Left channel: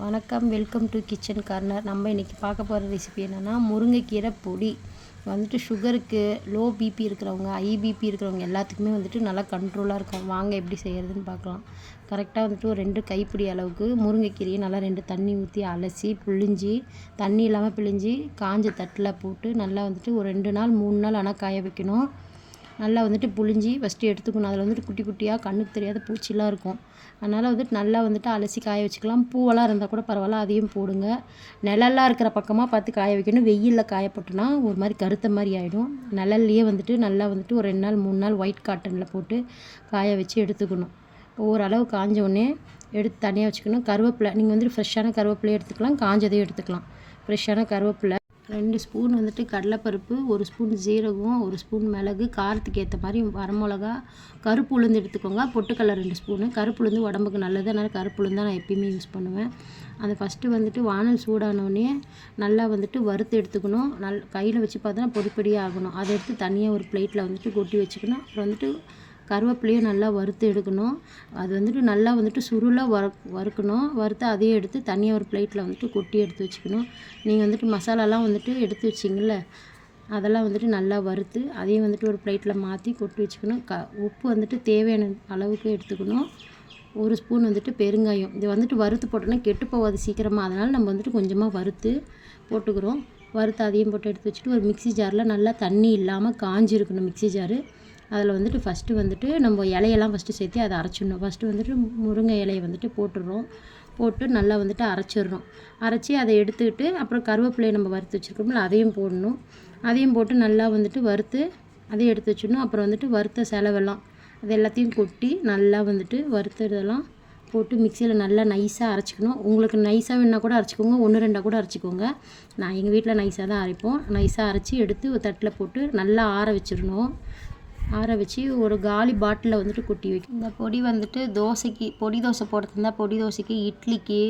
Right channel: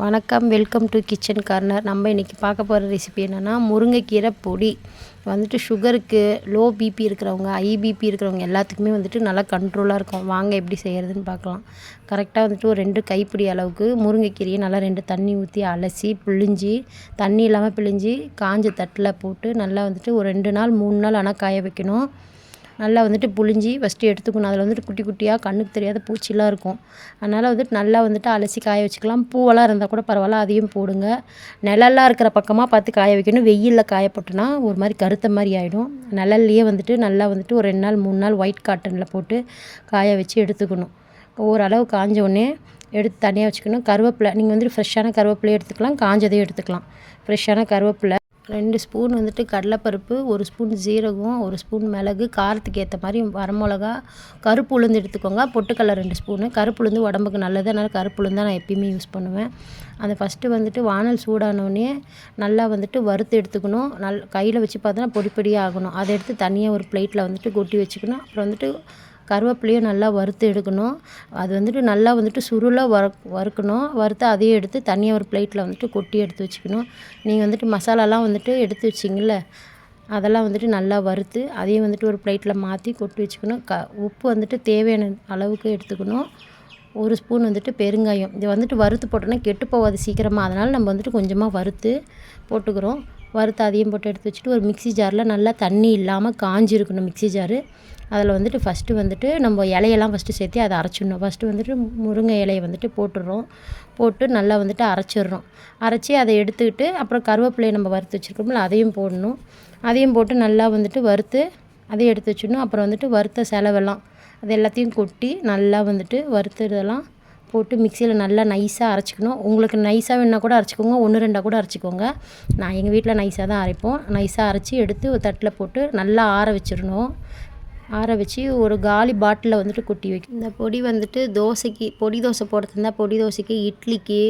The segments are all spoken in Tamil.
வணக்கம், வெல்கம் டு கிச்சன் கார்னர். நம்ம இன்றைக்கி பார்க்க போகிற ரெசிபி என்னென்னா முருங்கைக்கீரை பொடி. வந்துட்டு சுகருக்கு, லோ பிபி இருக்கிறவங்க, ஐபிபி இருக்கிறவங்க எல்லாத்துக்குமே வந்துட்டு நல்லா கண்ட்ரோலாக இருக்கும். வாங்க எப்படி செய்கிறதுன்னு பார்க்கலாம். கரெக்டாக வந்துட்டு ஒரு 2 கைப்பிடி அளவுக்கு முருங்கைக்கீரையை நல்லா 2 தண்ணி ஊற்றி அலசி பிழிஞ்சி, தண்ணி இல்லாமல் பிழிஞ்சி காஞ்ச தட்டில் போட்டு நல்லா வந்துட்டு ஒரு 2 நாள் 3 நாள் ஆனால் காய வைக்கணும். நல்லா வந்துட்டு புழிஞ்சி ஃபஸ்ட்டு எடுத்துக்கணும். அதில் வந்துட்டு குட்டி குட்டியாக கண்ணுக்கு தெரியாத பூச்சிலாம் இருக்கும். அதனால் வந்துட்டு நல்லா வந்துட்டு அலசி காய வச்சுக்கலாம். பூவெல்லாம் இருந்தால் கூட பரவாயில்ல, அதையும் போடுங்க. நிழல்லாம் இருக்கிற பக்கமாக பார்த்து காய வைக்கணும். வெயிலில் காயப்பட்டுனா ஒரு மாதிரி கருத்த மாதிரி ஆகிடும். நிழல்லையே வந்துட்டு நல்லா வந்துட்டு ஒரு 2 நாள் 3 நாள் ஒயிட் காட்டனில் போட்டு காய வச்சு எடுத்துக்கணும். ஓரளவு காஞ்ச உடனே எடுத்து தனியாக வச்சுக்கணும். கருவேப்பிலை நீங்கள் வந்துட்டு ஃப்ரெஷ்ஷான கருவேப்பிலையை எடுத்துக்கலாம், காஞ்சதையும் எடுத்துக்கலாம். ஃப்ரெஷ்ஷான கருவேப்பிலை 2 ஸ்பூன் வந்துட்டு கடலைப்பருப்பு, 1 ஸ்பூன் ஜீரகம், 1 ஸ்பூன் மிளகு, காரத்துக்கு ஏற்ற மாதிரி வரமிளகா, கருப்பு உளுந்து எடுத்துக்கோங்க. பொட்டுக்கடலை 2 ஸ்பூனு. கருப்பு உளுந்து உடம்புக்கு நல்லது, அதனால் கருப்பு உளுந்து தான் நான் எப்பயுமே யூஸ் பண்ணுவேன். அதை ஃபஸ்ட்டு வந்துட்டு வானல் சூடானோடனே நல்லா வந்துட்டு வறுத்து எடுத்துக்கணும். கையில் வச்சு பார்த்தோன்னா பொடி பொடியாக ஆகணும். அதை எடுத்து தனியாக ஒரு பிளேட்டில் வந்துட்டு கொட்டி வச்சுக்கணும். அப்புறம் வந்துட்டு கருவேப்பிலையும் நல்லா வறுத்து எடுக்கணும். அது வந்துட்டு நல்லா வந்துட்டு சுருளாக வறுக்கணும். வறுத்து அதையும் எடுத்து தனியாக ஒரு பிளேட்டில் வந்துட்டு கொட்டி எடுத்து வச்சுக்கணும். நீங்கள் வந்துட்டு மசாலாலாம் வந்துட்டு எடுத்து வச்சிங்கள்ல, அதெல்லாம் வந்துட்டு நல்லா வறுத்து அதையும் வந்துட்டு ஒரு பிளேட்டில் மாற்றி கொட்டி வச்சுக்கணும். உப்பு வந்துட்டு தேவையான அளவுக்கு எடுத்துக்கணும். 1 ஸ்பூன் வந்துட்டு பெருங்காயம். இது வந்துட்டு வறுத்து போட்டோன்னா கெட்டு போகாது சீக்கிரமாக. அதனால் நம்ம வந்துட்டு கொஞ்சமாக வறுத்து போட்டுக்கிறோம். வறுத்து அதையும் போட்டு எடுத்து வச்சுட்டு ஒரு மிக்ஸி ஜாரில் நல்லா தண்ணி இல்லாமல் காஞ்சிருக்கணும் மிக்ஸி ஜாரு. அதில் வந்துட்டு ஃபஸ்ட்டு வந்துட்டு நம்ம இலையெல்லாம் ஃபஸ்ட்டு சேர்த்து அதை அரைச்சிடணும். ஃபஸ்ட்டு வந்துட்டு முருங்கை இலையை வந்துட்டு போட்டு நல்லா வந்துட்டு அரைச்சிட்றோம். அரைச்சி அதை எடுத்துக்கிட்டு அப்புறம் கருவேப்பிலையை நம்ம வறுத்து வச்சுருக்கோம்ல, அதையும் போடணும். அதையும் போட்டு நல்லா வந்துட்டு வறுத்து அதையும் எடுத்து வச்சிடணும். அப்புறம் வந்துட்டு வறுத்த செலவெல்லாம் அது எல்லாத்தையும் கொட்டி நல்லா வந்துட்டு வறுத்துறதெல்லாம் போட்டு மிக்சியில் நல்லா நைஸாக அரைச்சிக்கணும். உங்களுக்கு நைஸாக வேணுன்னா கூட அரைச்சிக்கோங்க, 1 2 கூட அரைச்சிக்கோங்க. நான் எங்கள் வீட்டில் நைஸாக தான் அரைப்போம். நைஸாக அரைச்சி எடுத்து ஒரு தட்டில் போட்டு நல்லா ஆற வச்சிடணும். ஆற வச்சு ஒரு காலி பாட்டிலில் வந்துட்டு கொட்டி வைக்கும். இந்த பொடி வந்துட்டு தோசைக்கு, பொடி தோசை போடுறது இருந்தால் பொடி தோசைக்கு, இட்லிக்கு,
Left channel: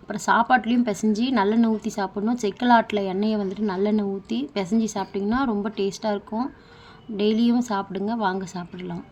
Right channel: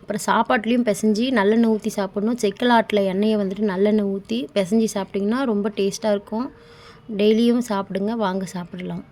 அப்புறம் சாப்பாட்லேயும் பிசைஞ்சி நல்லெண்ணெய் ஊற்றி சாப்பிடணும். செக்கலாட்டில் எண்ணெயை வந்துட்டு நல்லெண்ணெய் ஊற்றி பிசைஞ்சி சாப்பிட்டிங்கன்னா ரொம்ப டேஸ்ட்டாக இருக்கும். டெய்லியும் சாப்பிடுங்க, வாங்க சாப்பிடலாம்.